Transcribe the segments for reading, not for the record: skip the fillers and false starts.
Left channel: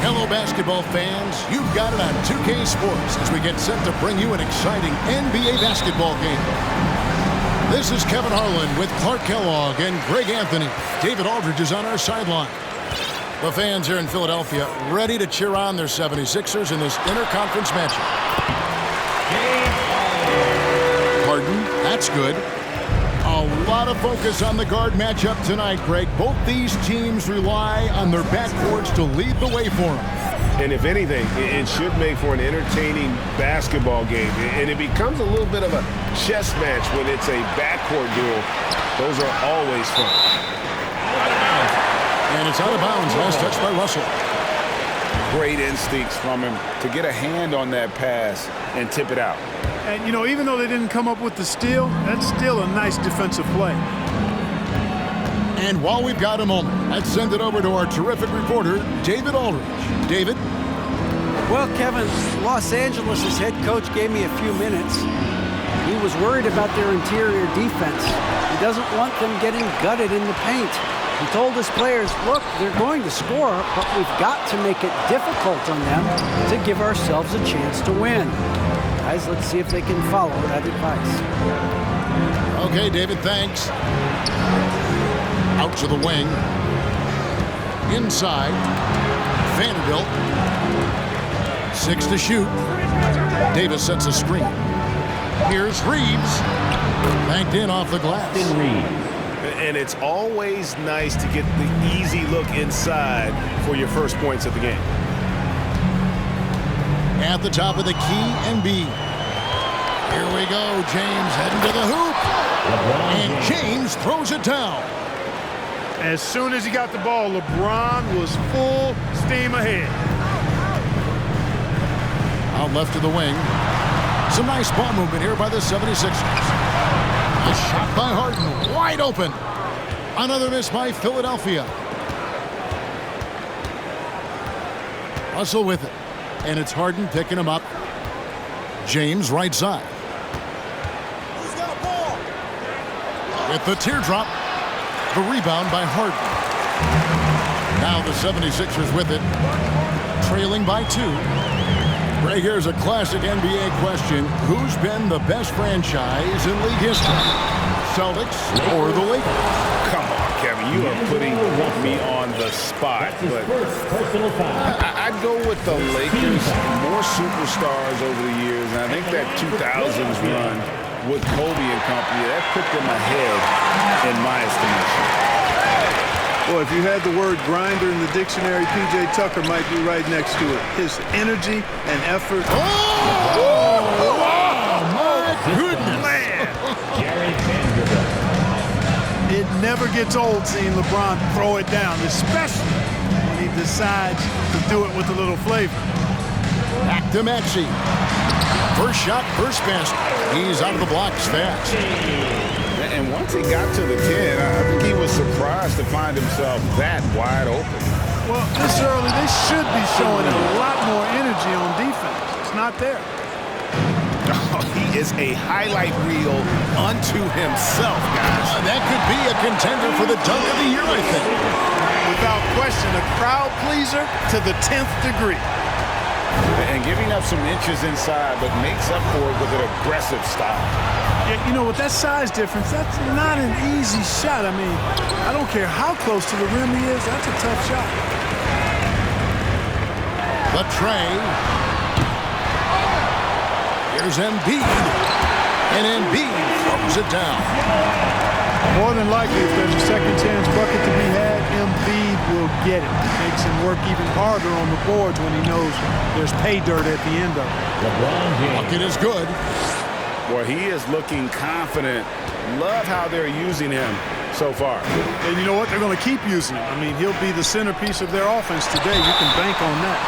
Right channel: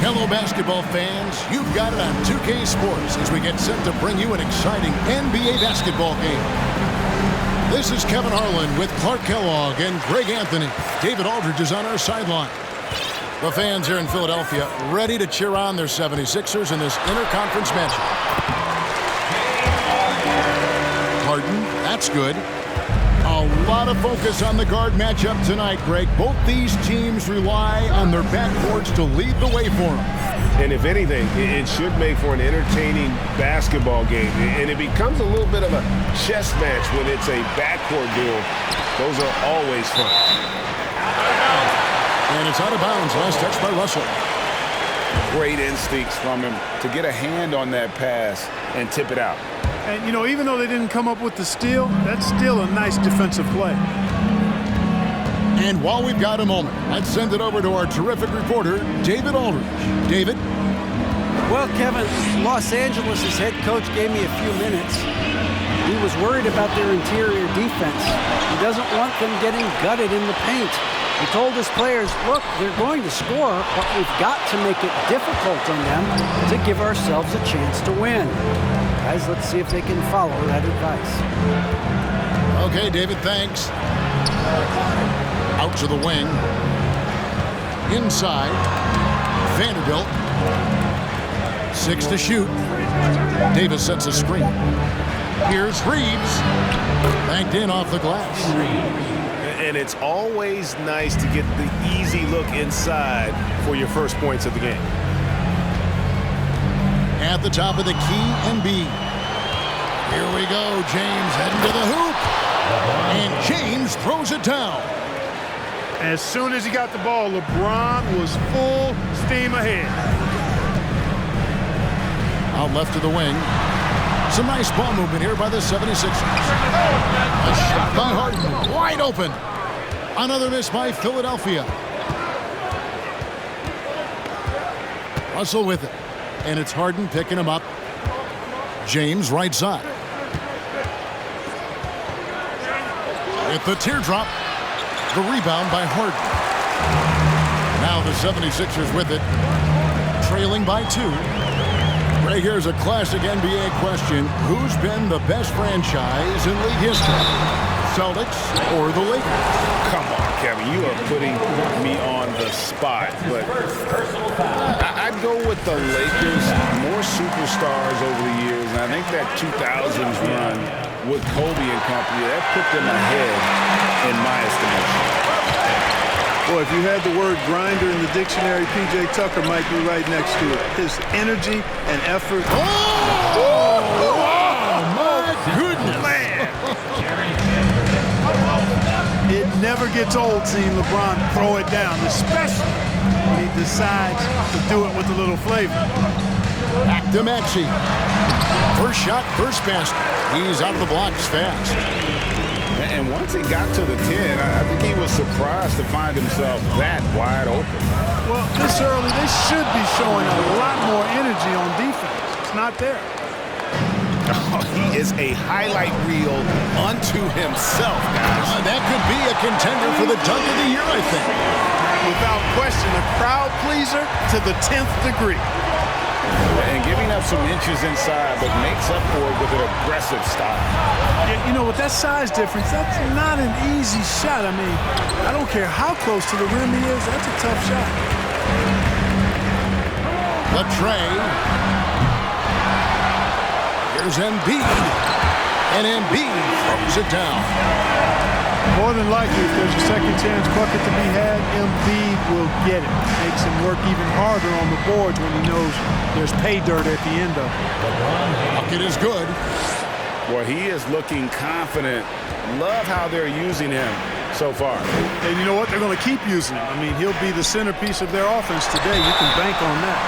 Hello, basketball fans. You've got it on 2K Sports as we get set to bring you an exciting NBA basketball game. This is Kevin Harlan with Clark Kellogg and Greg Anthony. David Aldridge is on our sideline. The fans here in Philadelphia ready to cheer on their 76ers in this interconference matchup. Harden, that's good. A lot of focus on the guard matchup tonight, Greg. Both these teams rely on their backcourts to lead the way for them. And if anything, it should make for an entertaining basketball game. And it becomes a little bit of a chess match when it's a backcourt duel. Those are always fun. Out of bounds. And it's out of bounds. Last touch by Russell. Great instincts from him to get a hand on that pass and tip it out. And, you know, even though they didn't come up with the steal, that's still a nice defensive play. And while we've got a moment, let's send it over to our terrific reporter, David Aldridge. David? Well, Kevin, Los Angeles' head coach gave me a few minutes. He was worried about their interior defense. He doesn't want them getting gutted in the paint. He told his players, look, they're going to score, but we've got to make it difficult on them to give ourselves a chance to win. Guys, let's see if they can follow that advice. Okay, David, thanks. Out to the wing. Inside. Vanderbilt. 6 to shoot. Davis sets a screen. Here's Reeves. Banked in off the glass. And it's always nice to get the easy look inside for your first points of the game. At the top of the key, Embiid. Here we go. James heading to the hoop. And James throws it down. As soon as he got the ball, LeBron was full steam ahead. Out left to the wing. Some nice ball movement here by the 76ers. A shot by Harden. Wide open. Another miss by Philadelphia. Russell with it. And it's Harden picking him up. James right side. With the teardrop. The rebound by Harden. Now the 76ers with it. Trailing by 2. Greg, here's a classic NBA question. Who's been the best franchise in league history? Celtics or the Lakers? Come on, Kevin, you are putting me on the spot, but I'd go with the Lakers. More superstars over the years, and I think that 2000s run with Kobe and company, that put them ahead in my estimation. Boy, if you had the word grinder in the dictionary, P.J. Tucker might be right next to it. His energy and effort. Oh, my goodness. Man. It never gets old seeing LeBron throw it down, especially when he decides to do it with a little flavor. Back to Maxey. First shot, first basket. He's out of the blocks fast. And once he got to the 10, I think he was surprised to find himself that wide open. Well, this early, they should be showing a lot more energy on defense. It's not there. Oh, he is a highlight reel unto himself, guys. That could be a contender for the dunk of the year, I think. Without question, a crowd pleaser to the 10th degree. And giving up some inches inside, but makes up for it with an aggressive style. Yeah, you know, with that size difference, that's not an easy shot. I mean, I don't care how close to the rim he is, that's a tough shot. The tray. Here's Embiid. And Embiid throws it down. More than likely, if there's a second chance bucket to be had, Embiid will get it. Makes him work even harder on the boards when he knows there's pay dirt at the end of it. Bucket is good. Well, he is looking confident. Love how they're using him so far. And you know what? They're going to keep using him. I mean, he'll be the centerpiece of their offense today. You can bank on that.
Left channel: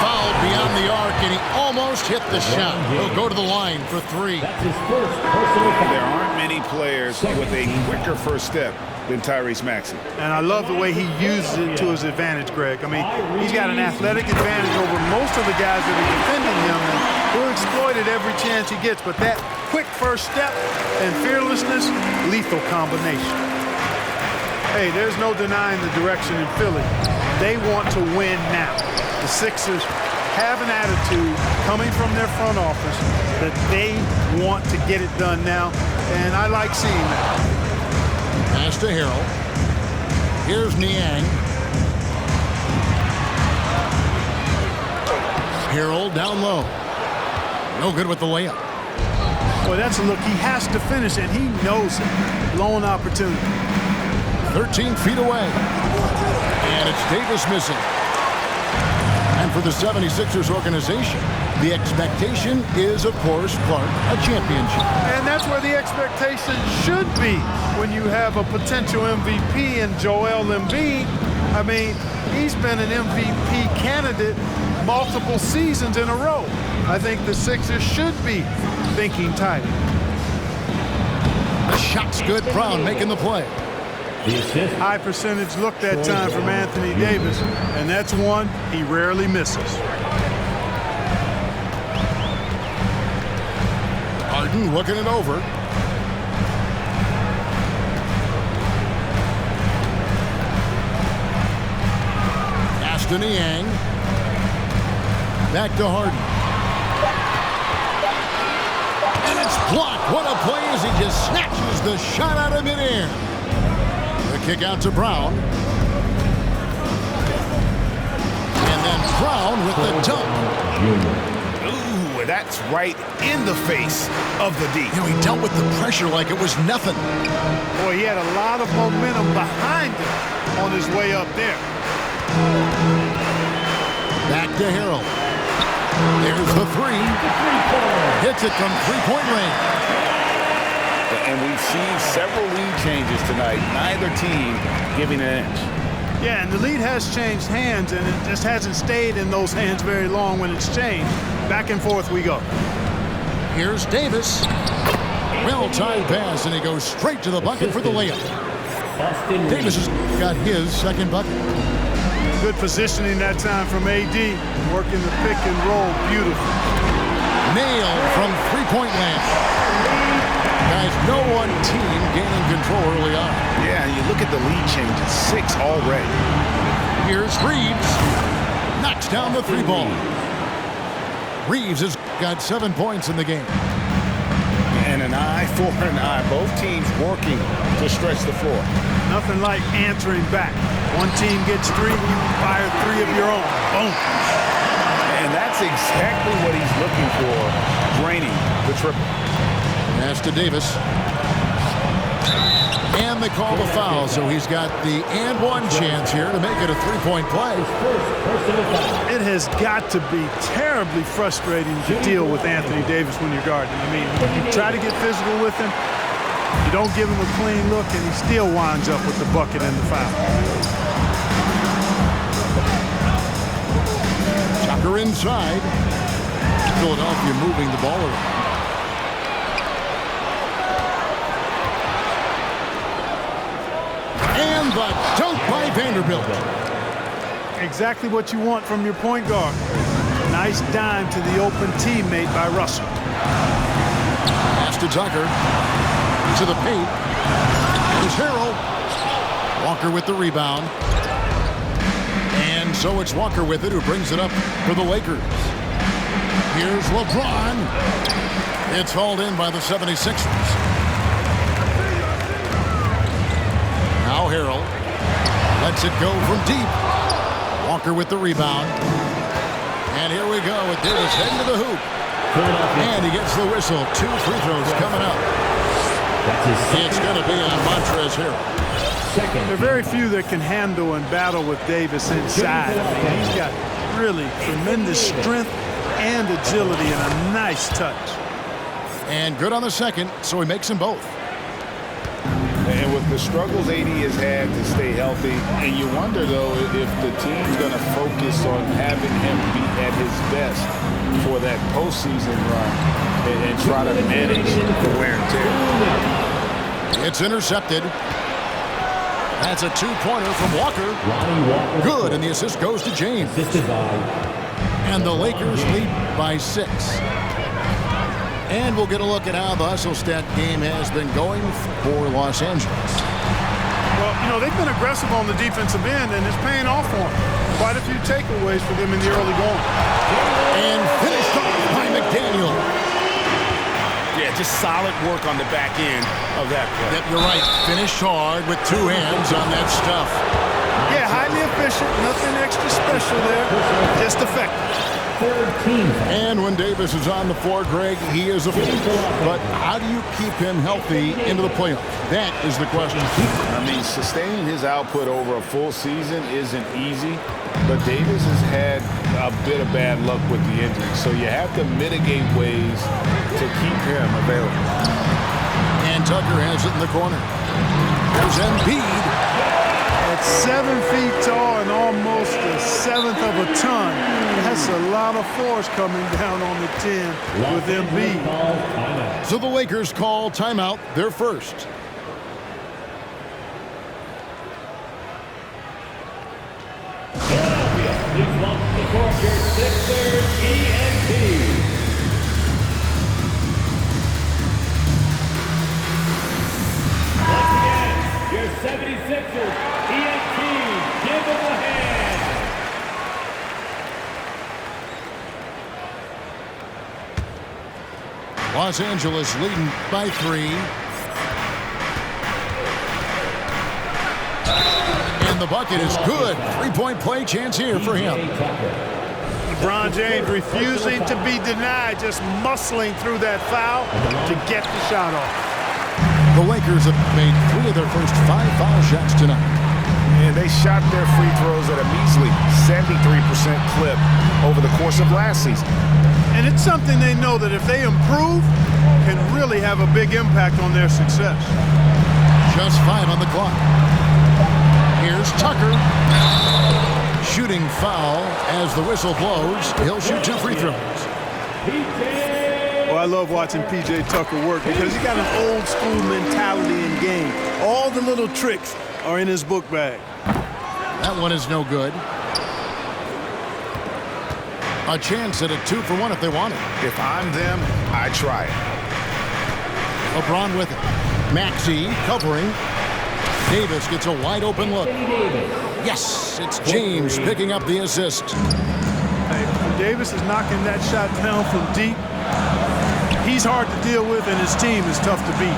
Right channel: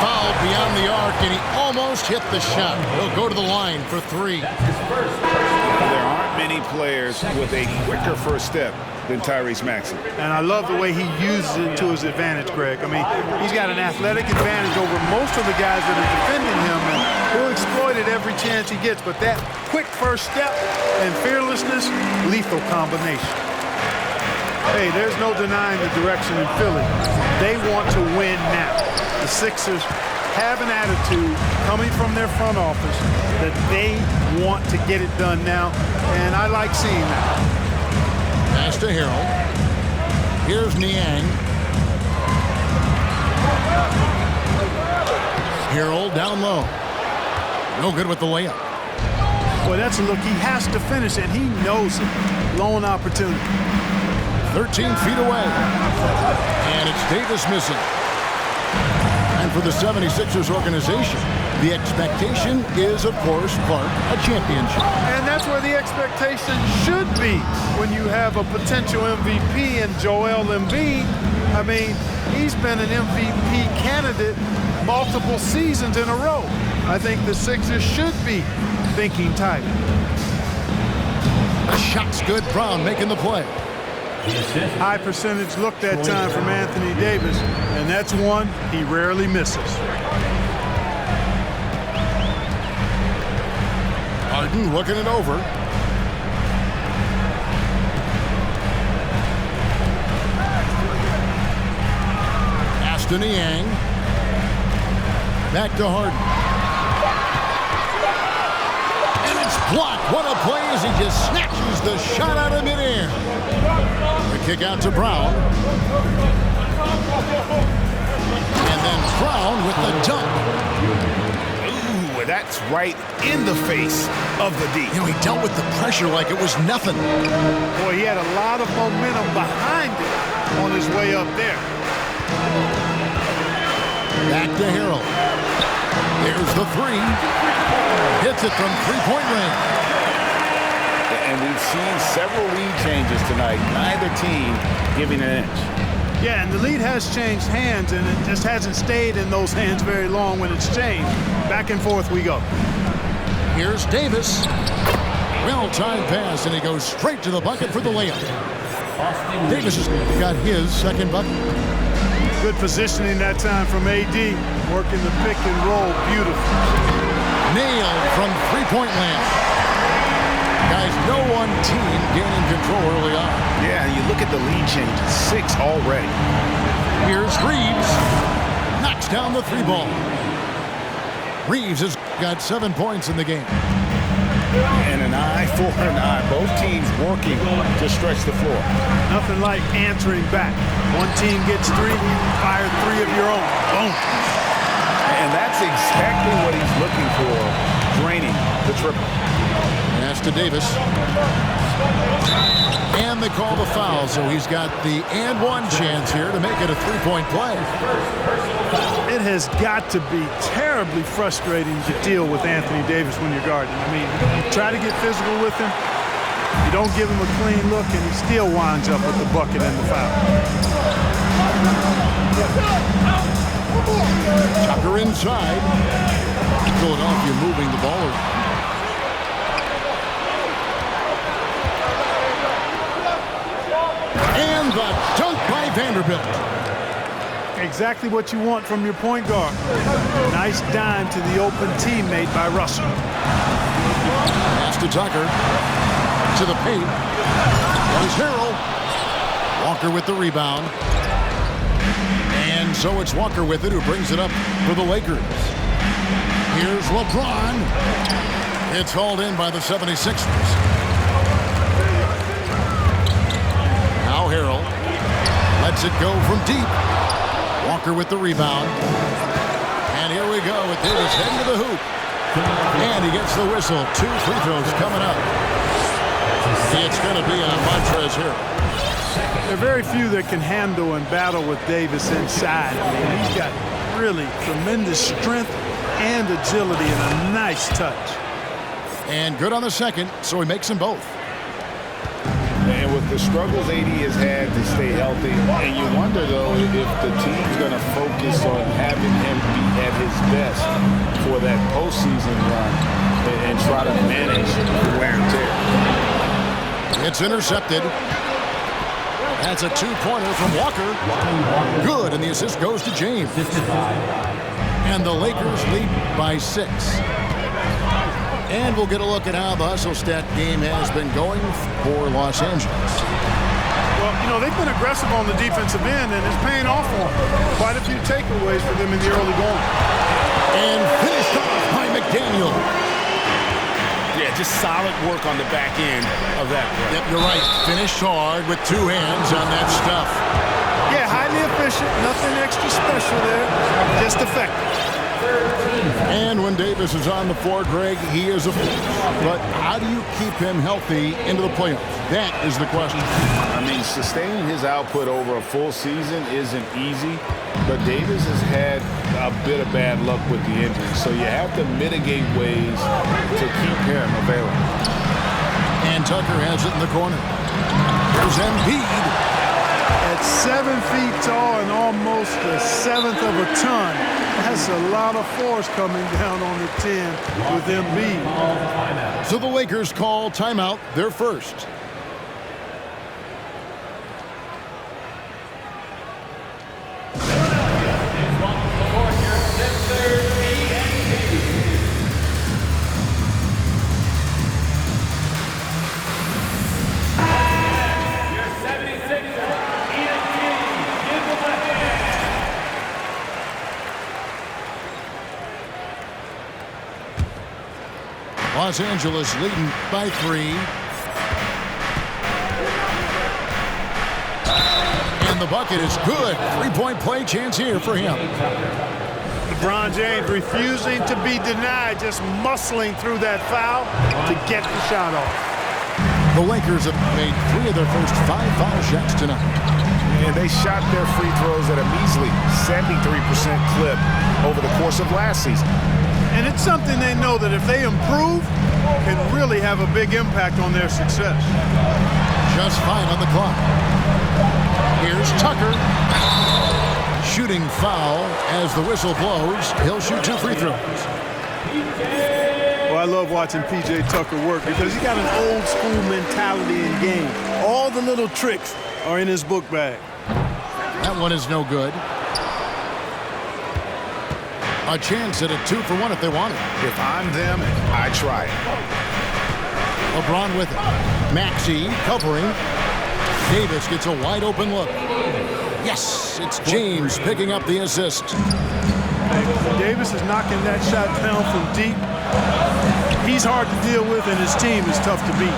Fouled beyond the arc, and he almost hit the shot. He'll go to the line for 3. There aren't many players with a quicker first step than Tyrese Maxey. And I love the way he uses it to his advantage, Greg. I mean, he's got an athletic advantage over most of the guys that are defending him, and he'll exploit it every chance he gets. But that quick first step and fearlessness, lethal combination. Hey, there's no denying the direction in Philly. They want to win now. The Sixers have an attitude coming from their front office that they want to get it done now, and I like seeing that. Pass to Harrell. Here's Niang. Harrell down low. No good with the layup. Boy, that's a look he has to finish, and he knows it. Blown opportunity. 13 feet away. And it's Davis missing. And for the 76ers organization, the expectation is, of course, Clark, a championship. And that's where the expectation should be when you have a potential MVP in Joel Embiid. I mean, he's been an MVP candidate multiple seasons in a row. I think the Sixers should be thinking title. The shot's good. Brown making the play. High percentage look that time from Anthony Davis, and that's one he rarely misses. Harden looking it over. Ashton Niang. Back to Harden. And it's blocked. What a play as he just snatches the shot out of midair. The kick out to Brown. And then Brown with the dunk. Ooh, that's right in the face of the D. You know, he dealt with the pressure like it was nothing. Boy, he had a lot of momentum behind him on his way up there. Back to Harrell. There's the three. Hits it from three-point range. And we've seen several lead changes tonight. Neither team giving an inch. Yeah, and the lead has changed hands, and it just hasn't stayed in those hands very long when it's changed. Back and forth we go. Here's Davis. Well-timed pass, and he goes straight to the bucket for the layup. Davis has got his second bucket. Good positioning that time from AD. Working the pick and roll beautiful. Nailed from three-point land. Guys, no one team gaining control early on. Yeah, you look at the lead changes, 6 already. Here's Reeves. Knocks down the three ball. Reeves has got 7 points in the game. And an eye for an eye. Both teams working to stretch the floor. Nothing like answering back. One team gets 3, you fire 3 of your own. Boom. And that's exactly what he's looking for, draining the triple. Pass to Davis. And they call the foul, so he's got the and one chance here to make it a three-point play. It has got to be terribly frustrating to deal with Anthony Davis when you're guarding him. I mean, you try to get physical with him, you don't give him a clean look, and he still winds up with the bucket and the foul. Tucker inside. Philadelphia moving the ball around. And the dunk by Vanderbilt. Exactly what you want from your point guard. Nice dime to the open teammate by Russell. Pass to Tucker. To the paint. There's Harrell. Walker with the rebound. And so it's Walker with it, who brings it up for the Lakers. Here's LeBron. It's hauled in by the 76ers. Now Harrell lets it go from deep. Walker with the rebound. And here we go with Davis heading to the hoop. And he gets the whistle. 2 free throws coming up. It's going to be on Montrezl Harrell. There are very few that can handle and battle with Davis inside. I mean, he's got really tremendous strength and agility and a nice touch. And good on the second, so he makes them both. And with the struggles AD has had to stay healthy, and you wonder, though, if the team's going to focus on having him be at his best for that postseason run and try to manage the wear and tear. It's intercepted. That's a 2-pointer from Walker. Good, and the assist goes to James. And the Lakers lead by 6. And we'll get a look at how the hustle stat game has been going for Los Angeles. Well, you know, they've been aggressive on the defensive end, and it's paying off for them. Quite a few takeaways for them in the early going. And finished off by McDaniel. Yeah, just solid work on the back end of that play. Yep, you're right. Finished hard with two hands on that stuff. Yeah, highly efficient. Nothing extra special there. Just effective. And when Davis is on the floor, Greg, he is a force. But how do you keep him healthy into the playoffs? That is the question. I mean, sustaining his output over a full season isn't easy, but Davis has had a bit of bad luck with the injury, so you have to mitigate ways to keep him available. And Tucker has it in the corner. Here's Embiid. At 7 feet tall and almost a seventh of a ton, that's a lot of force coming down on the 10 with Embiid. So the Lakers call timeout, their first. Los Angeles leading by 3. And the bucket is good. Three-point play chance here for him. LeBron James refusing to be denied, just muscling through that foul to get the shot off. The Lakers have made 3 of their first 5 foul shots tonight. And they shot their free throws at a measly 73% clip over the course of last season. And it's something they know that if they improve, can really have a big impact on their success. Just 5 on the clock. Here's Tucker. Shooting foul as the whistle blows. He'll shoot 2 free throws. Well, I love watching P.J. Tucker work because he's got an old school mentality in game. All the little tricks are in his book bag. That one is no good. A chance at a 2-for-1 if they want it. If I'm them, I try it. LeBron with it. Maxey covering. Davis gets a wide open look. Yes, it's James picking up the assist. Hey, when Davis is knocking that shot down from deep, he's hard to deal with, and his team is tough to beat.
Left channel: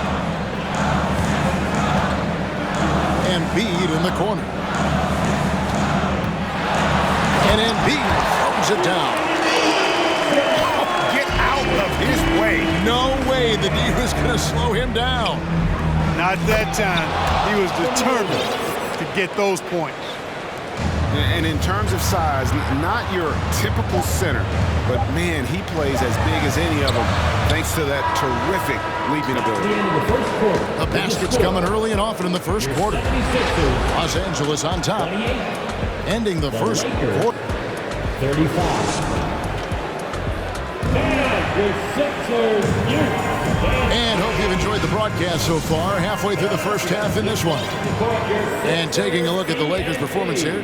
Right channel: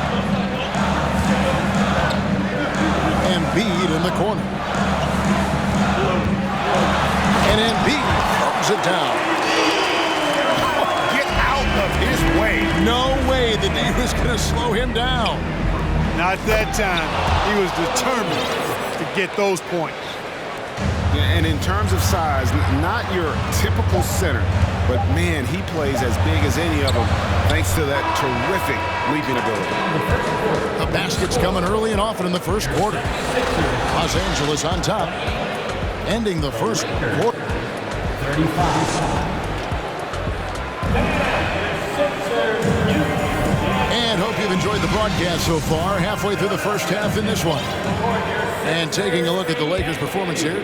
Embiid in the corner. And Embiid throws it down. Oh, get out of his way. No way the D was going to slow him down. Not that time. He was determined to get those points. And in terms of size, not your typical center, but man, he plays as big as any of them thanks to that terrific leaping ability. The basket's coming early and often in the first quarter. Los Angeles on top, ending the first quarter. 35. And hope you've enjoyed the broadcast so far. Halfway through the first half in this one. And taking a look at the Lakers' performance here.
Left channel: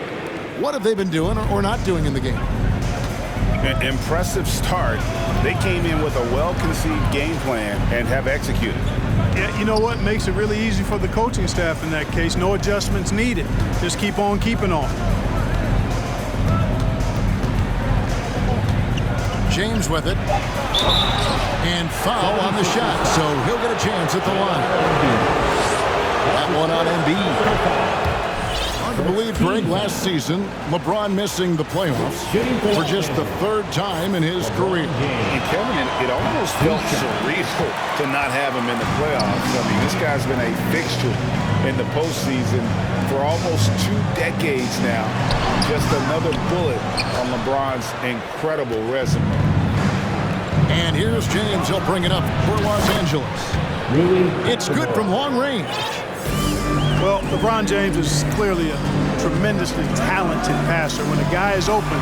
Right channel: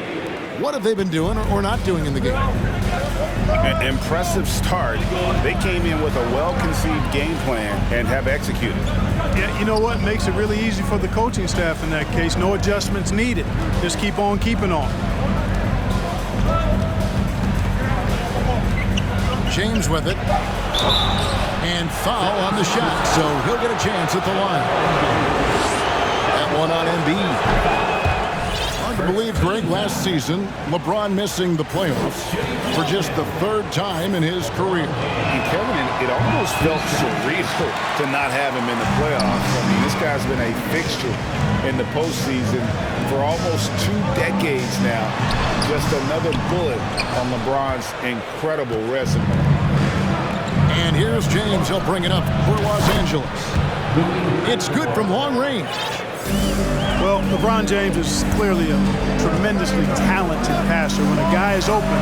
What have they been doing or not doing in the game? An impressive start. They came in with a well-conceived game plan and have executed. Yeah, you know what? Makes it really easy for the coaching staff in that case. No adjustments needed. Just keep on keeping on. James with it. And foul on the shot, so he'll get a chance at the line. That one on Embiid. Hard to believe, Greg, last season, LeBron missing the playoffs for just the 3rd time in his career. And Kevin, it almost felt surreal to not have him in the playoffs. I mean, this guy's been a fixture in the postseason for almost 2 decades now. Just another bullet on LeBron's incredible resume. And here's James. He'll bring it up for Los Angeles. It's good from long range. Well, LeBron James is clearly a tremendously talented passer. When a guy is open,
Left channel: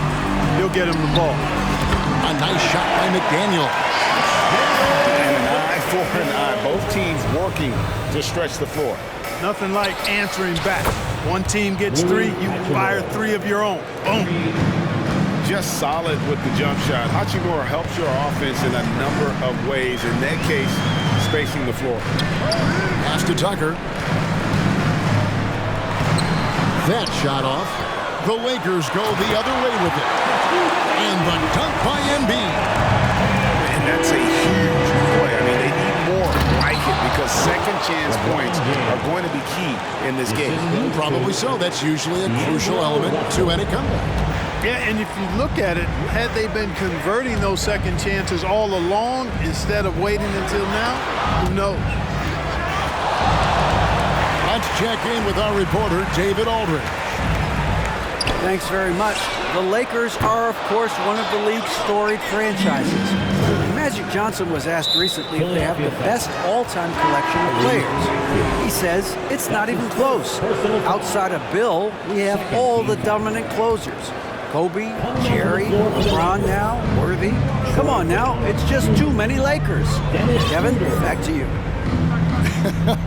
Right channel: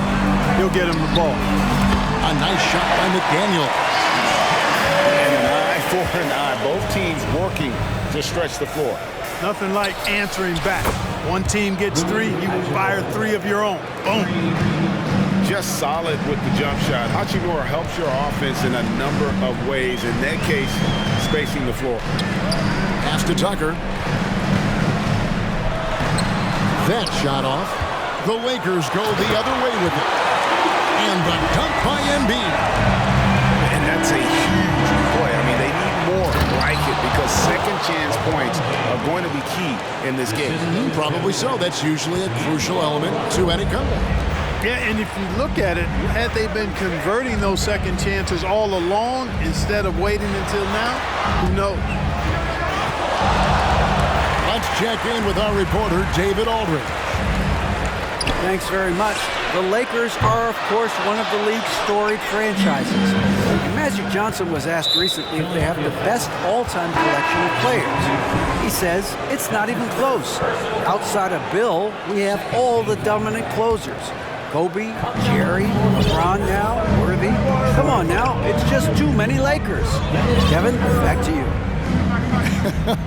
he'll get him the ball. A nice shot by McDaniel. And an eye for an eye. Both teams working to stretch the floor. Nothing like answering back. One team gets 3, you fire 3 of your own. Boom. Just solid with the jump shot. Hachimura helps your offense in a number of ways. In that case, spacing the floor. Pass to Tucker. that shot off. The Lakers go the other way with it. And the dunk by Embiid. And that's a huge play. I mean, they need more like it because second chance points are going to be key in this game. Probably so. That's usually a crucial element to any comeback. Yeah, and if you look at it, had they been converting those second chances all along instead of waiting until now, who knows? Let's check in with our reporter, David Aldridge. Thanks very much. The Lakers are, of course, one of the league's storied franchises. And Magic Johnson was asked recently if they have the best all-time collection of players. He says it's not even close. Outside of Bill, we have all the dominant closers. Kobe, Jerry, LeBron now, Worthy. Come on now, it's just too many Lakers. Kevin, back to you.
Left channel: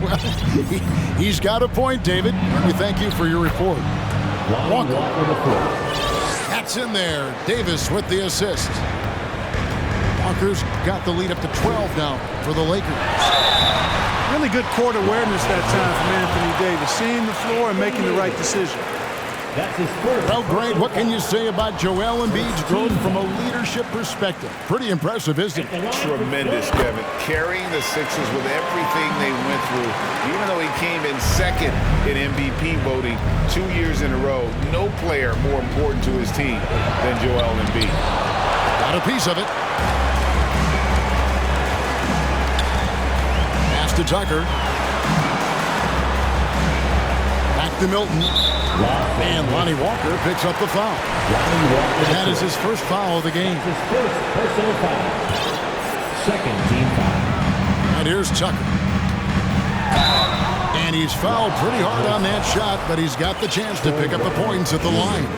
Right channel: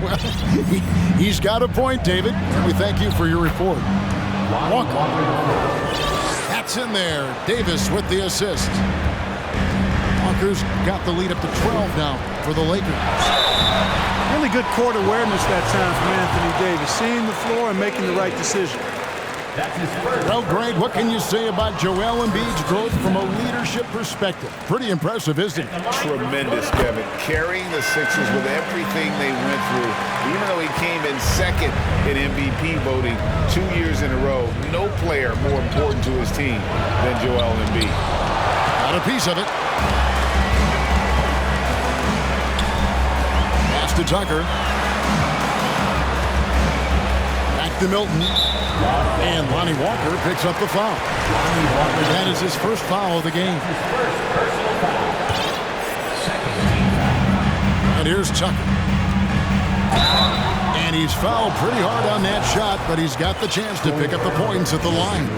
Well, he's got a point, David, and we thank you for your report. Walker. That's in there. Davis with the assist. Walker's got the lead up to 12 now for the Lakers. Really good court awareness that time from Anthony Davis, seeing the floor and making the right decision. Well, Greg, what can you say about Joel Embiid's growth from a leadership perspective? Pretty impressive, isn't it? Tremendous, Kevin. Carrying the Sixers with everything they went through. Even though he came in second in MVP voting 2 years in a row, no player more important to his team than Joel Embiid. Got a piece of it. Pass to Tucker. Back to Milton. And Lonnie Walker picks up the foul. That is his first foul of the game. His first personal foul. Second team foul. And here's Tucker. And he's fouled pretty hard on that shot, but he's got the chance to pick up the points at the line.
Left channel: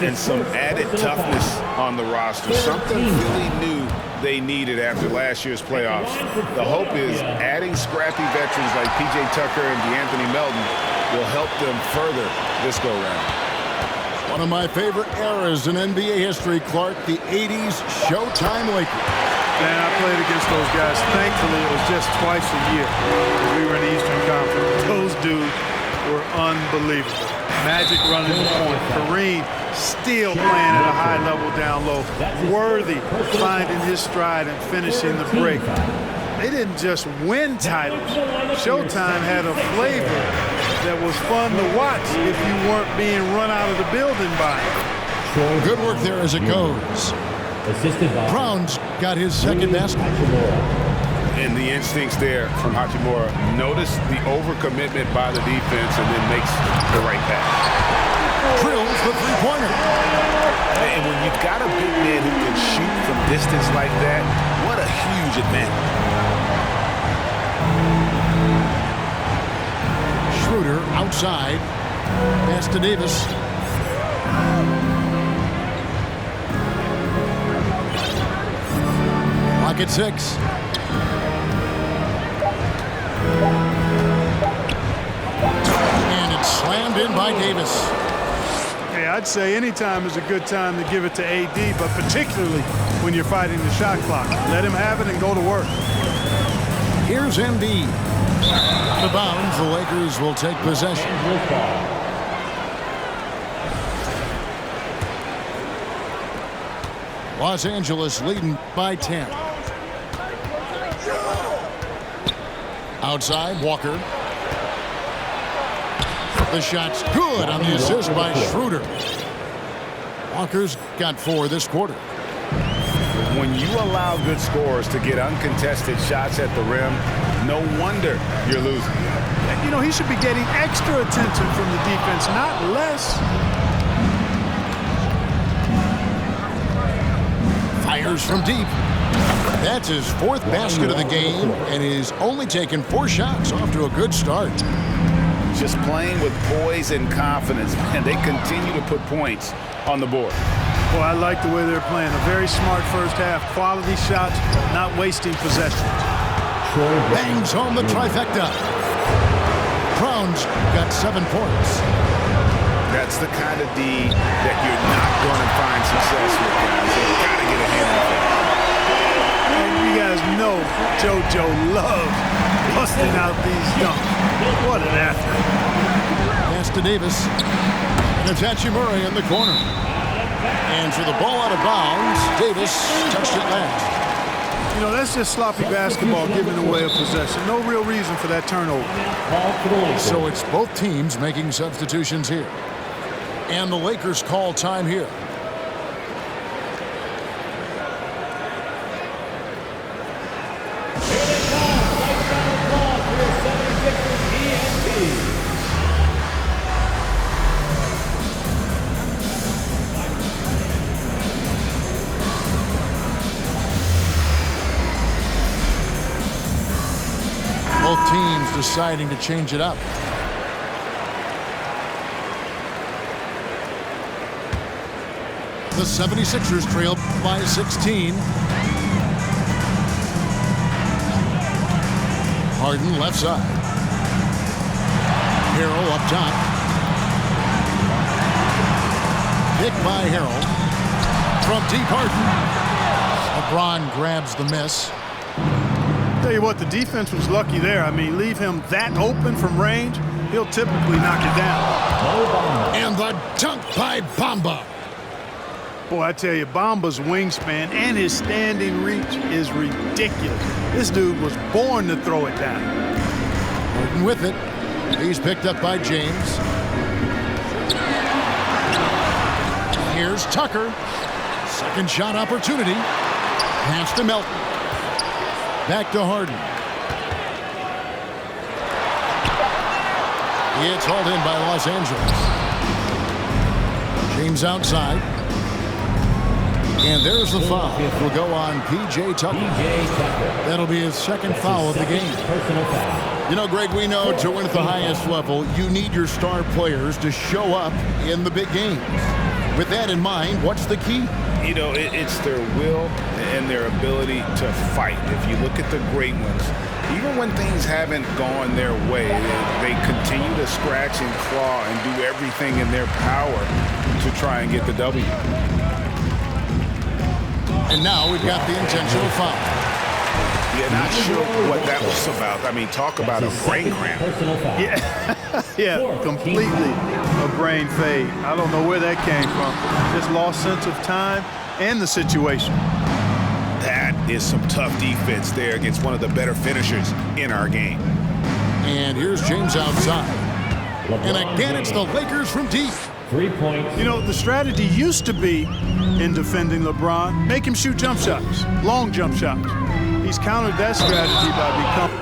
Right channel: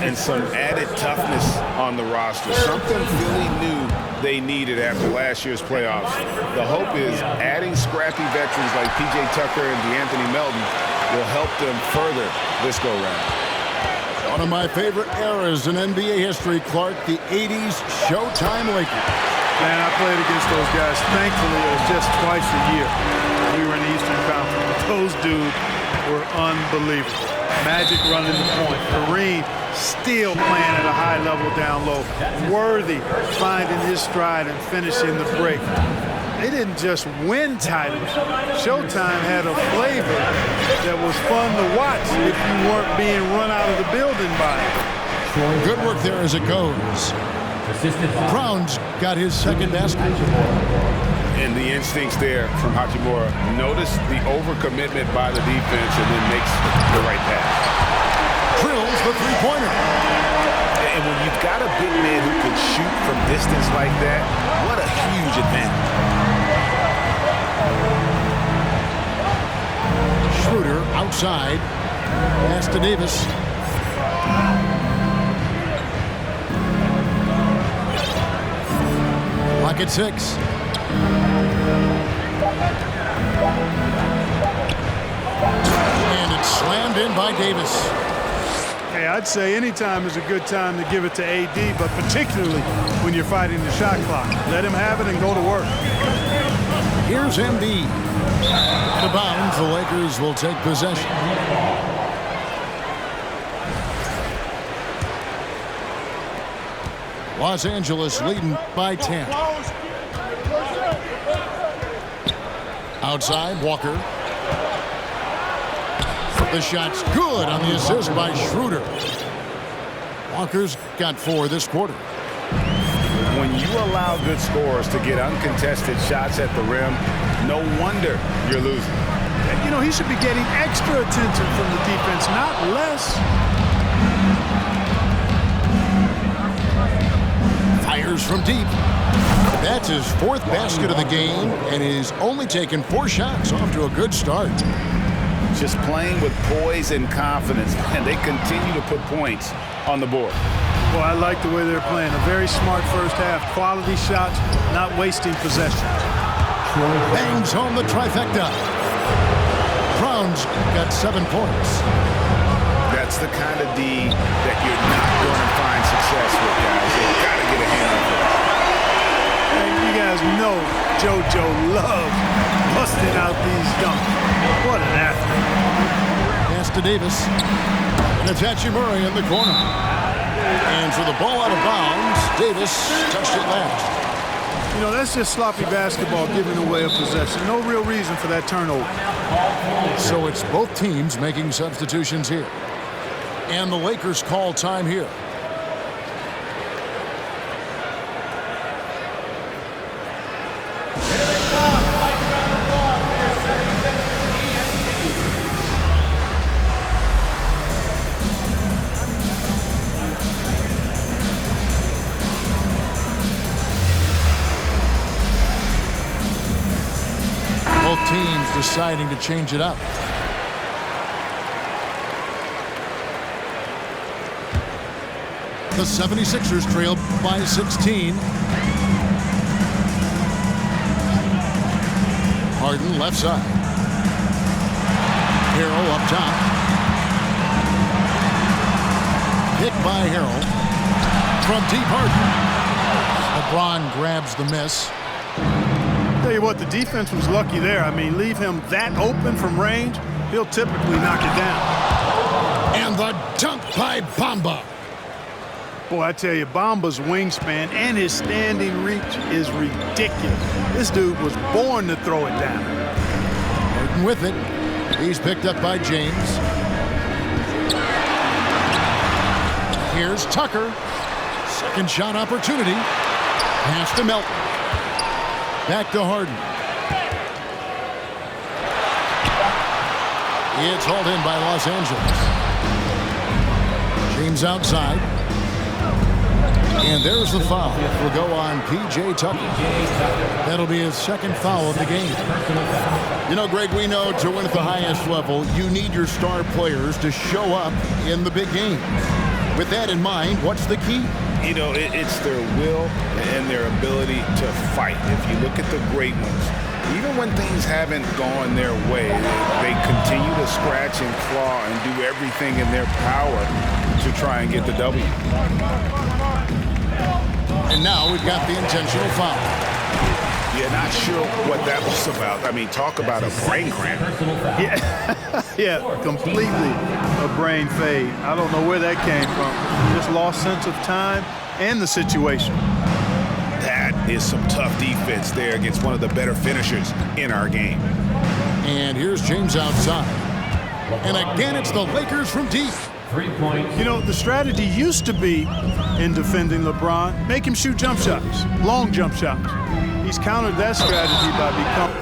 And some added toughness on the roster. Something Philly knew they needed after last year's playoffs. The hope is adding scrappy veterans like P.J. Tucker and DeAnthony Melton will help them further this go-round. One of my favorite eras in NBA history, Clark, the 80s Showtime Lakers. Man, I played against those guys. Thankfully, it was just twice a year because we were in the Eastern Conference. Those dudes were unbelievable. Magic running the point. Kareem still playing at a high level down low. Worthy finding his stride and finishing the break. They didn't just win titles. Showtime had a flavor that was fun to watch if you weren't being run out of the building by it. Good work there as it goes. Brown's got his second basket. And the instincts there from Hachimura. Notice the overcommitment by the defense and then makes the right pass. Drills the three-pointer. And when you've got a big man who can shoot from distance like that, what a huge advantage. Schroeder outside. Pass to Davis. Clock at 6. And it's slammed in by Davis. Hey, I'd say any time is a good time to give it to AD, but particularly when you're fighting the shot clock. Let him have it and go to work. Here's Embiid. Out of bounds, the Lakers will take possession. Los Angeles leading by 10. Outside, Walker. The shot's good on the assist by Schroeder. Walker's got 4 this quarter. When you allow good scorers to get uncontested shots at the rim, no wonder you're losing. You know, he should be getting extra attention from the defense, not less. Fires from deep. That's his 4th basket of the game, and he's only taken 4 shots. Off to a good start. Just playing with poise and confidence, and they continue to put points on the board. Well, I like the way they're playing. A very smart first half. Quality shots, not wasting possessions. Bangs home the trifecta. Brown's got 7 points. That's the kind of D that you're not going to find success with, guys. They've got to get a hand on this. And you guys know JoJo loves busting out these dunks. What an athlete. pass to Davis. And it's Hachimura in the corner. And for the ball out of bounds, Davis touched it last. You know, that's just sloppy basketball giving away a possession. No real reason for that turnover. So it's both teams making substitutions here. And the Lakers call time here. Both teams deciding to change it up. The 76ers trail by 16. Harden left side. Harrell up top. Picked by Harrell. From deep, Harden. LeBron grabs the miss. Tell you what, the defense was lucky there. I mean, leave him that open from range, he'll typically knock it down. And the dunk by Bamba. Boy, I tell you, Bamba's wingspan and his standing reach is ridiculous. This dude was born to throw it down. Harden with it. He's picked up by James. Here's Tucker. Second shot opportunity. Pass to Melton. Back to Harden. It's hauled in by Los Angeles. James outside. And there's the foul. It will go on P.J. Tucker. That'll be his second foul of the game. You know, Greg, we know to win at the highest level, you need your star players to show up in the big games. With that in mind, what's the key? You know, it's their will and their ability to fight. If you look at the great ones, even when things haven't gone their way, they continue to scratch and claw and do everything in their power to try and get the W. And now we've got the intentional foul. Yeah, not sure what that was about. I mean, talk about a brain cramp. Yeah, completely a brain fade. I don't know where that came from. Just lost sense of time and the situation. That is some tough defense there against one of the better finishers in our game. And here's James outside. And again, it's the Lakers from deep. 3 points. You know, the strategy used to be in defending LeBron, make him shoot jump shots, long jump shots. He's countered that strategy by becoming